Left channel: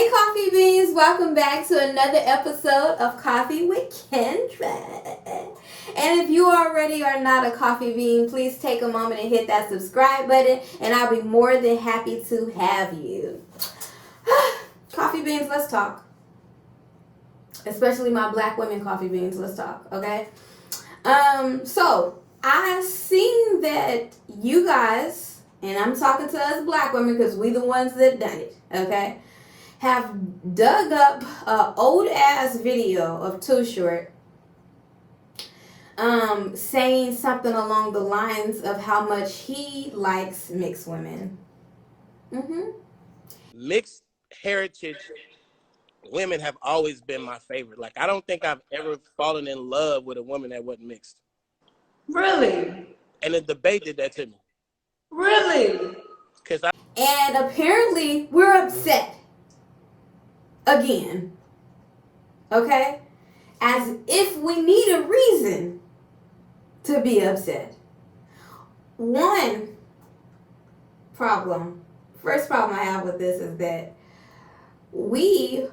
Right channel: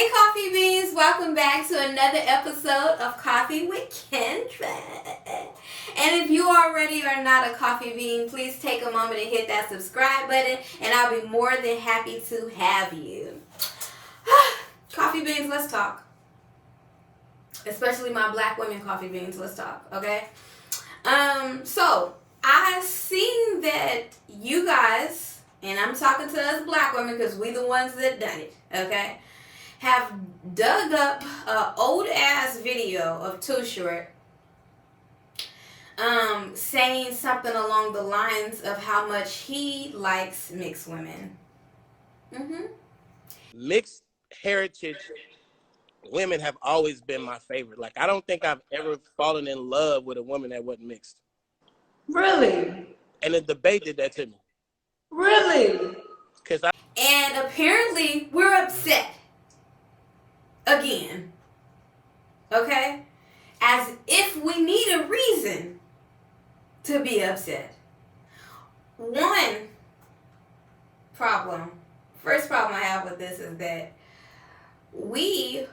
Hey Coffee Beans, welcome back to another episode of Coffee with Kendra. And if you already are not a coffee bean, please take a moment and hit that subscribe button and I'll be more than happy to have you. Coffee beans, let's talk. Especially my black women coffee beans, let's talk, okay? So I seen that you guys, and I'm talking to us black women because we the ones that done it, okay? Have dug up an old ass video of Too Short saying something along the lines of how much he likes mixed women. Mixed heritage women have always been my favorite. Like, I don't think I've ever fallen in love with a woman that wasn't mixed. Really? And the debate did that to me. Really? Cause And apparently we're upset. Again. Okay? As if we need a reason to be upset. First problem I have with this is that we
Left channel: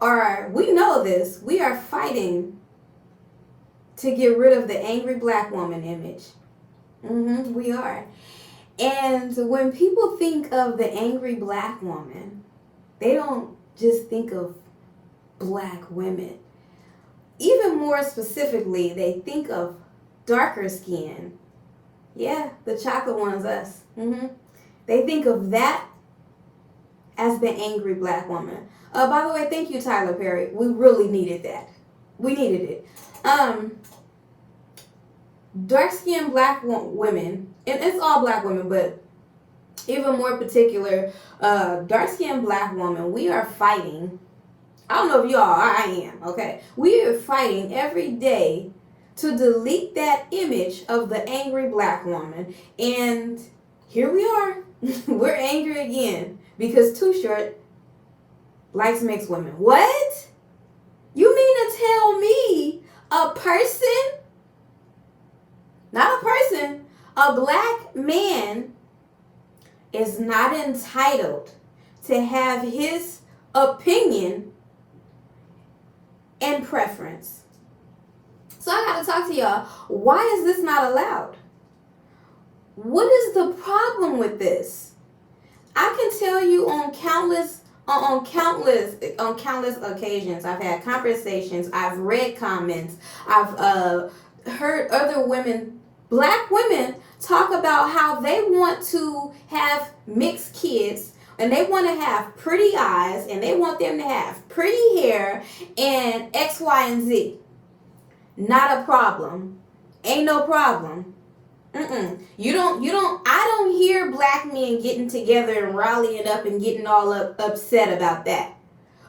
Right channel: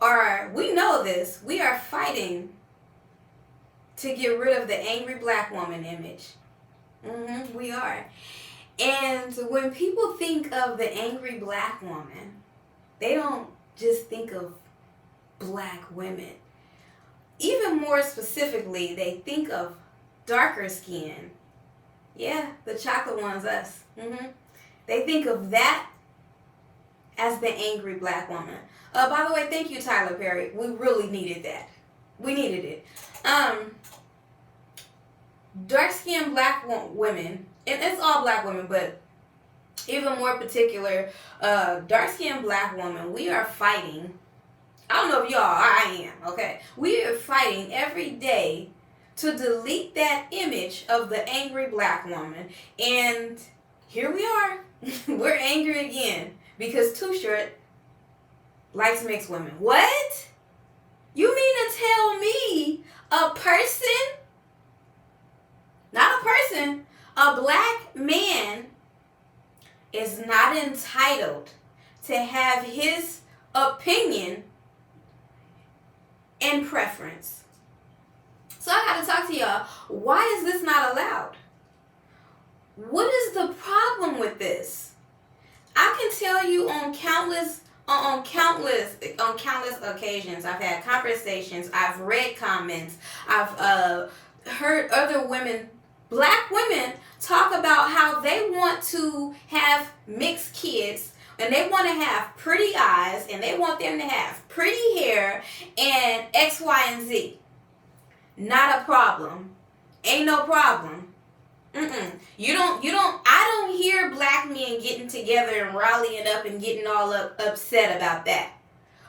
know this, we are fighting to get rid of the angry black woman image. We are. And when people think of the angry black woman, they don't just think of black women. Even more specifically, they think of darker skin. Yeah, the chocolate one's us. They think of that as the angry black woman. By the way, thank you, Tyler Perry. We really needed that. We needed it. Dark-skinned black women, and it's all black women, but even more particular, dark-skinned black woman, we are fighting. I don't know if y'all are, I am, okay? We are fighting every day to delete that image of the angry black woman. And here we are. We're angry again because Too Short likes mixed women. What? You mean to tell me a person, not a person, a black man is not entitled to have his opinion and preference? So I gotta talk to y'all. Why is this not allowed? What is the problem with this? I can tell you on countless occasions, I've had conversations, I've read comments, I've heard other women, black women, talk about how they want to have mixed kids and they want to have pretty eyes and they want them to have pretty hair and X, Y, and Z. Not a problem. Ain't no problem. I don't hear black men getting together and rallying up and getting all upset about that.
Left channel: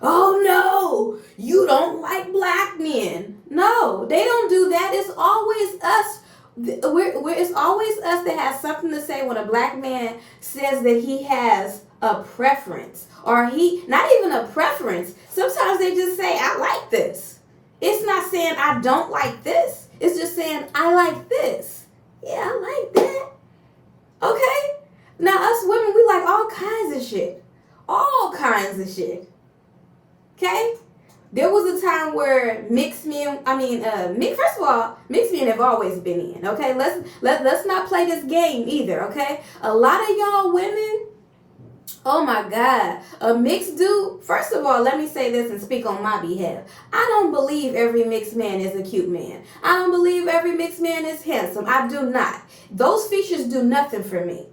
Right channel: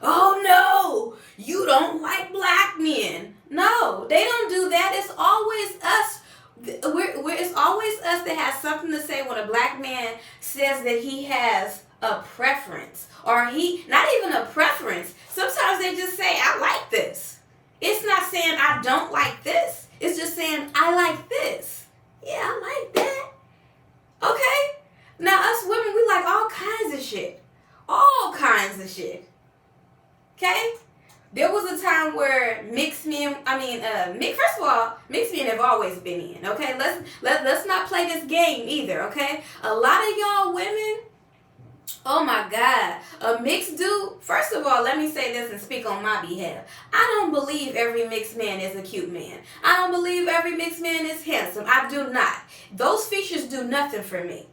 Oh no, you don't like black men. No, they don't do that. It's always us. It's always us that has something to say when a black man says that he has a preference. Or not even a preference. Sometimes they just say, I like this. It's not saying I don't like this. It's just saying I like this. Yeah, I like that. Okay? Now us women, we like all kinds of shit. All kinds of shit. Okay? There was a time where mixed men have always been in, okay? Let's not play this game either, okay? A lot of y'all women, oh my God, a mixed dude, first of all, let me say this and speak on my behalf. I don't believe every mixed man is a cute man. I don't believe every mixed man is handsome. I do not. Those features do nothing for me.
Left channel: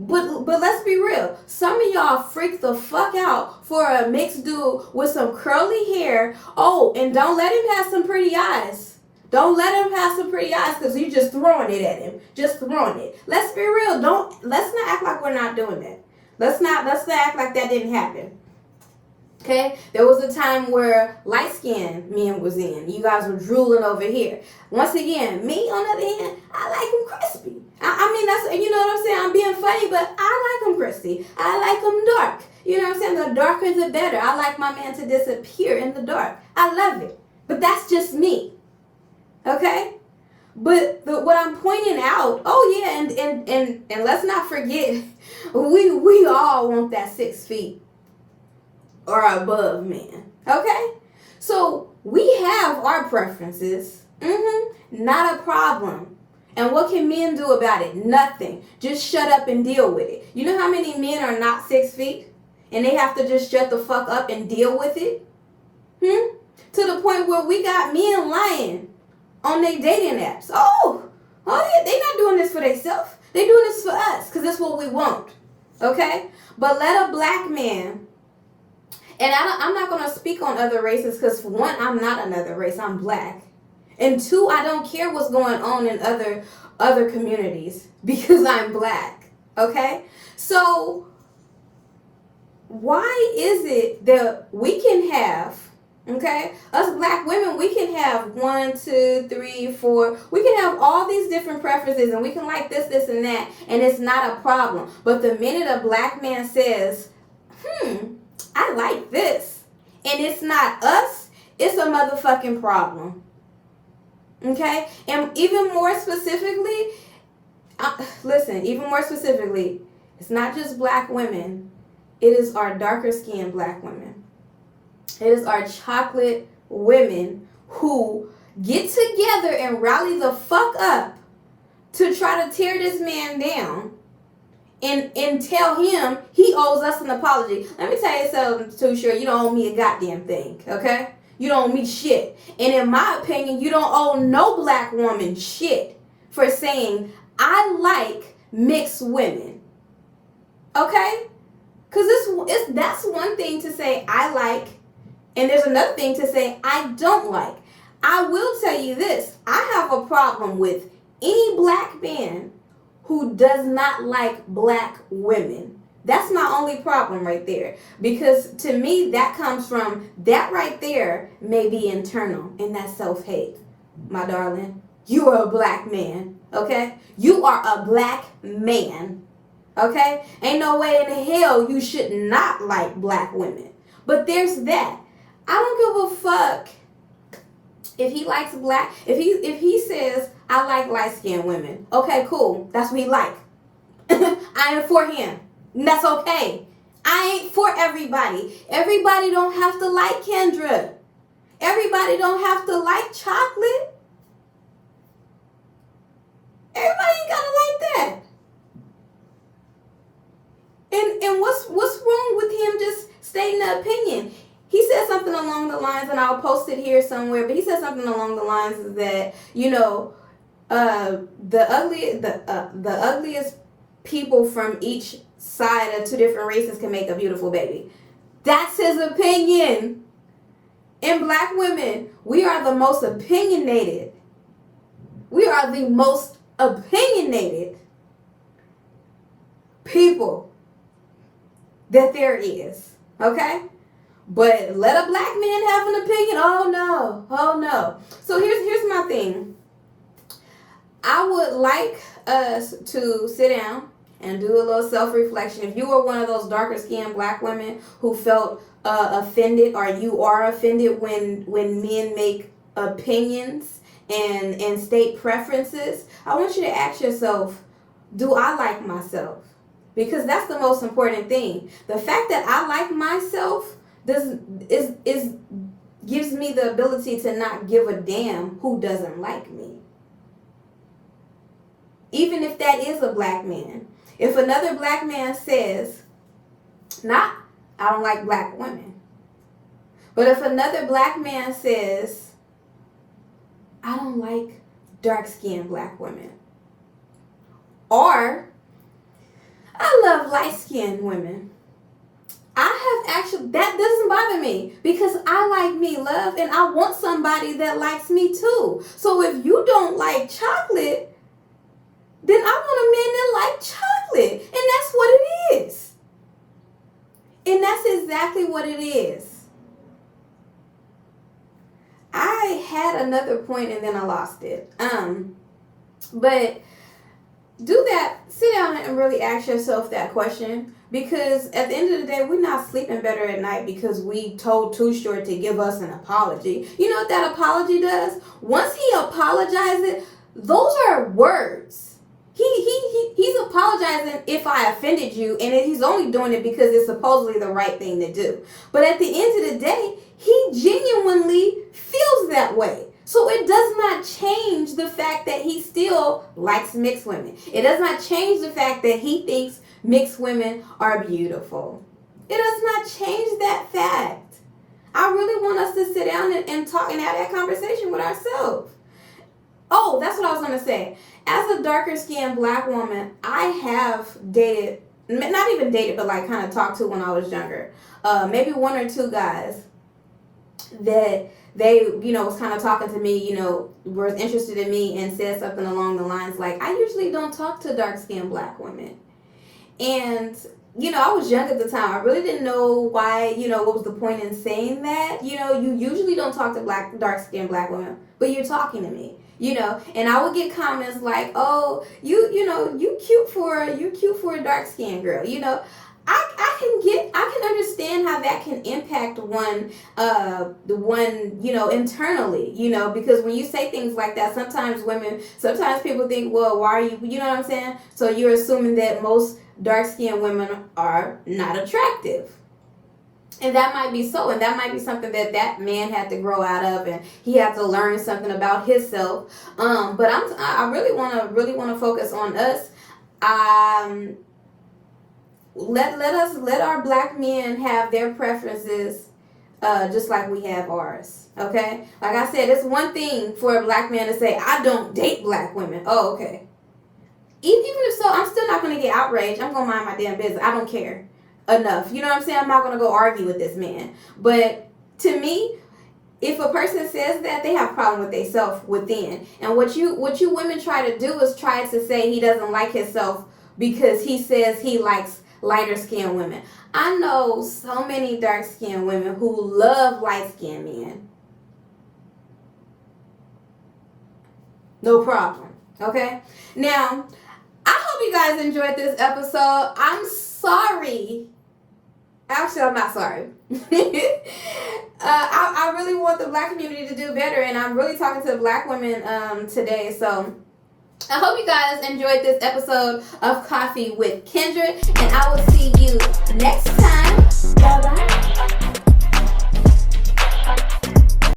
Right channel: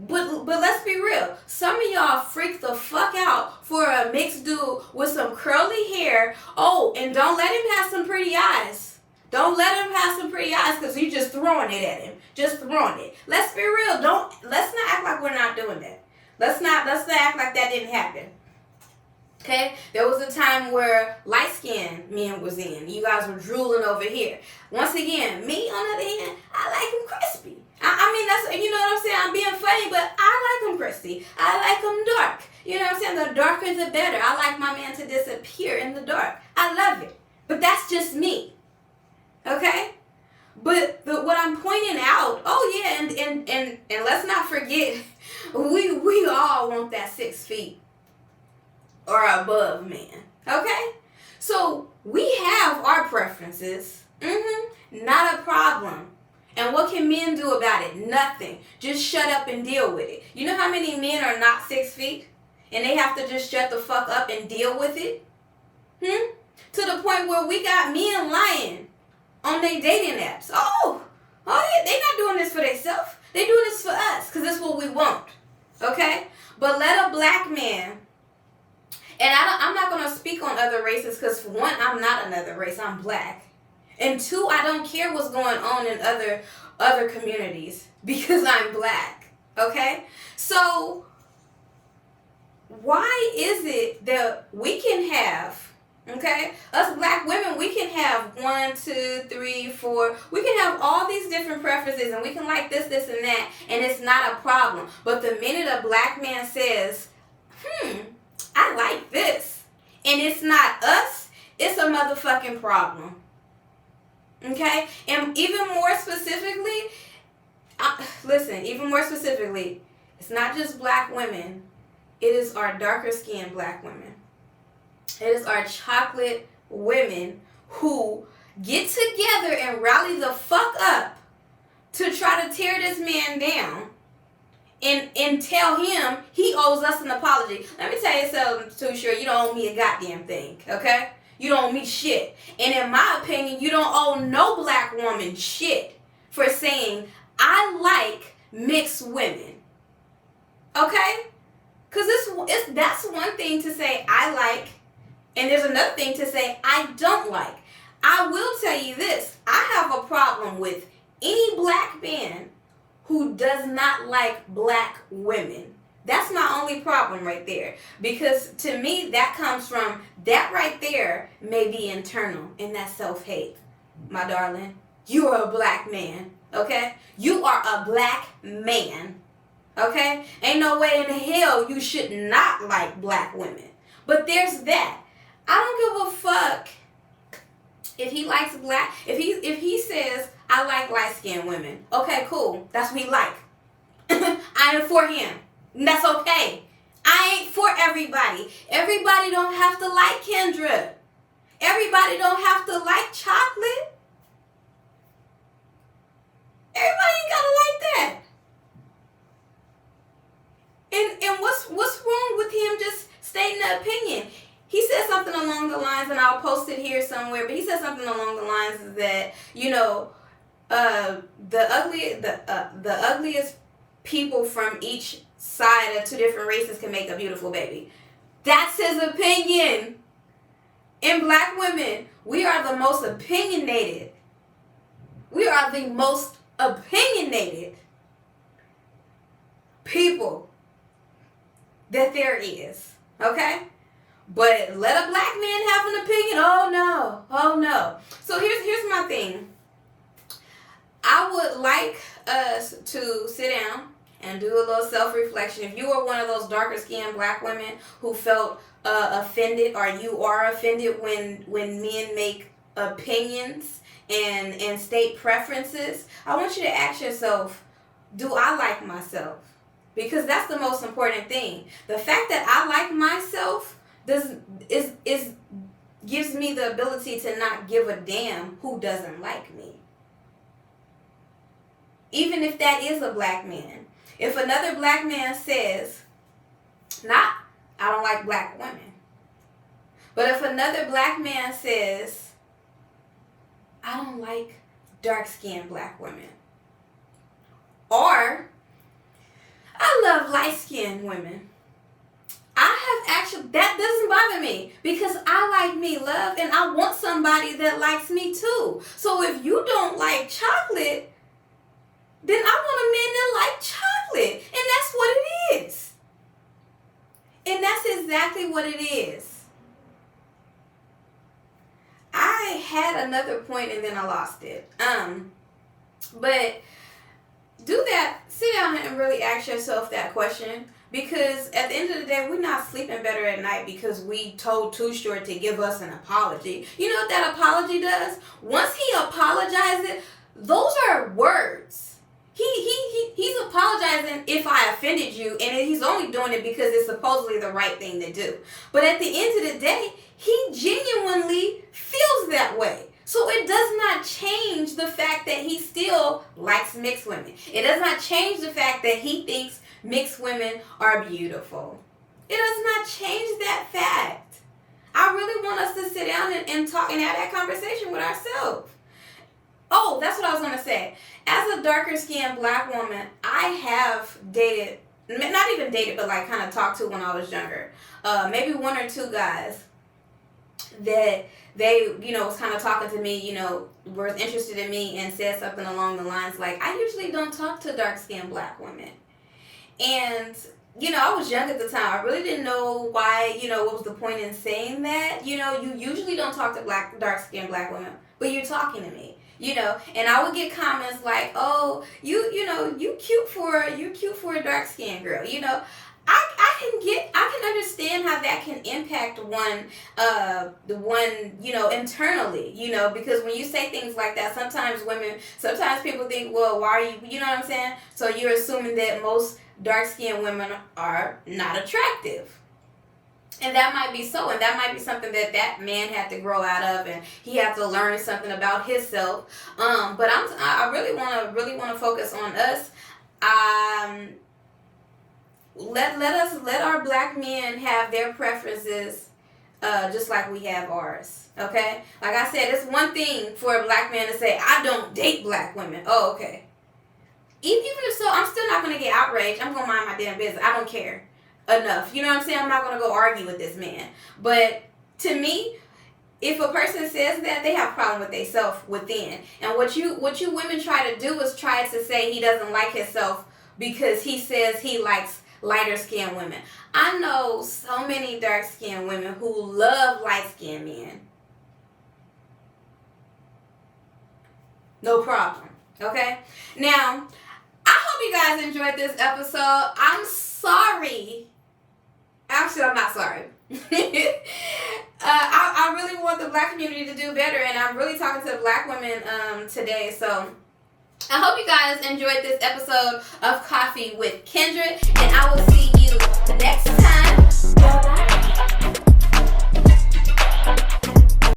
But let's be real. Some of y'all freak the fuck out for a mixed dude with some curly hair. Oh, and don't let him have some pretty eyes. Don't let him have some pretty eyes because you're just throwing it at him. Just throwing it. Let's be real. Let's not act like we're not doing that. Let's not act like that didn't happen. Okay? There was a time where light-skinned men was in. You guys were drooling over here. Once again, me, on the other hand, I like them crispy. I mean, that's, you know what I'm saying? I'm being funny, but I like them crispy. I like them dark. You know what I'm saying? The darker the better. I like my man to disappear in the dark. I love it. But that's just me. Okay? But what I'm pointing out, oh yeah, and let's not forget, we all want that 6 feet. or above man. Okay? So we have our preferences. Not a problem. And what can men do about it? Nothing. Just shut up and deal with it. You know how many men are not 6 feet? And they have to just shut the fuck up and deal with it? To the point where we got men lying on their dating apps. Oh yeah, they not doing this for themselves. They doing this for us because that's what we want. Okay? But let a black man, and I'm not going to speak on other races because for one, I'm not another race. I'm black. And two, I don't care what's going on in other communities because I'm black. Okay? So why is it that we can have, okay, us black women, we can have 1, 2, 3, 4, we can have all these different preferences and we can like this, and that, and it's not a problem. But the minute a black man says, I like this, and it's not us, it's a motherfucking problem. Okay? And even more specifically, it's not just black women. It is our darker skinned black women. It is our chocolate women who get together and rally the fuck up to try to tear this man down and tell him he owes us an apology. Let me tell you something, Too Short. You don't owe me a goddamn thing, okay? You don't owe me shit. And in my opinion, you don't owe no black woman shit for saying, I like mixed women. Okay? Because that's one thing to say, I like, and there's another thing to say, I don't like. I will tell you this. I have a problem with any black man who does not like black women. That's my only problem right there. Because to me, that comes from, that right there may be internal, and that's self-hate. My darling, you are a black man, okay? You are a black man, okay? Ain't no way in hell you should not like black women. But there's that. I don't give a fuck if he likes black, if he says, I like light-skinned women. Okay, cool. That's what he like. I am for him. And that's okay. I ain't for everybody. Everybody don't have to like Kendra. Everybody don't have to like chocolate. Everybody ain't gotta like that. And what's wrong with him just stating an opinion? He said something along the lines, and I'll post it here somewhere, but he said something along the lines that, you know, the ugliest people from each side of two different races can make a beautiful baby. That's his opinion. And black women, we are the most opinionated. We are the most opinionated people that there is. Okay? But let a black man have an opinion? Oh no. So here's my thing. I would like us to sit down and do a little self-reflection. If you were one of those darker skinned black women who felt offended, or you are offended when men make opinions and state preferences, I want you to ask yourself, do I like myself? Because that's the most important thing. The fact that I like myself gives me the ability to not give a damn who doesn't like me. Even if that is a black man. If another black man says, I don't like black women. But if another black man says, I don't like dark-skinned black women. Or, I love light-skinned women. That doesn't bother me because I like me, love, and I want somebody that likes me too. So if you don't like chocolate, then I want a man that likes chocolate. And that's what it is. And that's exactly what it is. I had another point and then I lost it. But do that. Sit down and really ask yourself that question. Because at the end of the day, we're not sleeping better at night because we told Too Short to give us an apology. You know what that apology does? Once he apologizes, those are words. He's apologizing if I offended you, and he's only doing it because it's supposedly the right thing to do. But at the end of the day, he genuinely feels that way. So it does not change the fact that he still likes mixed women. It does not change the fact that he thinks mixed women are beautiful. It does not change that fact. I really want us to sit down and talk and have that conversation with ourselves. Oh, that's what I was going to say. As a darker skinned black woman, I have dated, not even dated, but like kind of talked to when I was younger. Maybe one or two guys that they, was kind of talking to me, were interested in me and said something along the lines like, I usually don't talk to dark skinned black women. And, I was young at the time. I really didn't know why, what was the point in saying that. You usually don't talk to dark skinned black women, but you're talking to me. And I would get comments like, "Oh, you cute for a dark skinned girl." I can understand how that can impact one internally, because when you say things like that, sometimes people think, well, why are you, you know what I'm saying? So you're assuming that most dark skinned women are not attractive. And that might be so, and that might be something that man had to grow out of, and he had to learn something about himself. But I really want to focus on us. Let our black men have their preferences, just like we have ours. Okay, like I said, it's one thing for a black man to say, I don't date black women. Oh, okay. Even if so, I'm still not going to get outraged. I'm going to mind my damn business. I don't care enough. You know what I'm saying? I'm not going to go argue with this man. But to me, if a person says that, they have a problem with themselves within. And what you women try to do is try to say he doesn't like himself because he says he likes lighter skinned women. I know so many dark skinned women who love light skinned men. No problem. Okay? Now, I hope you guys enjoyed this episode. I'm sorry. Actually, I'm not sorry. I really want the black community to do better, and I'm really talking to the black women today. So I hope you guys enjoyed this episode of Coffee with Kindred, and I will see you next time.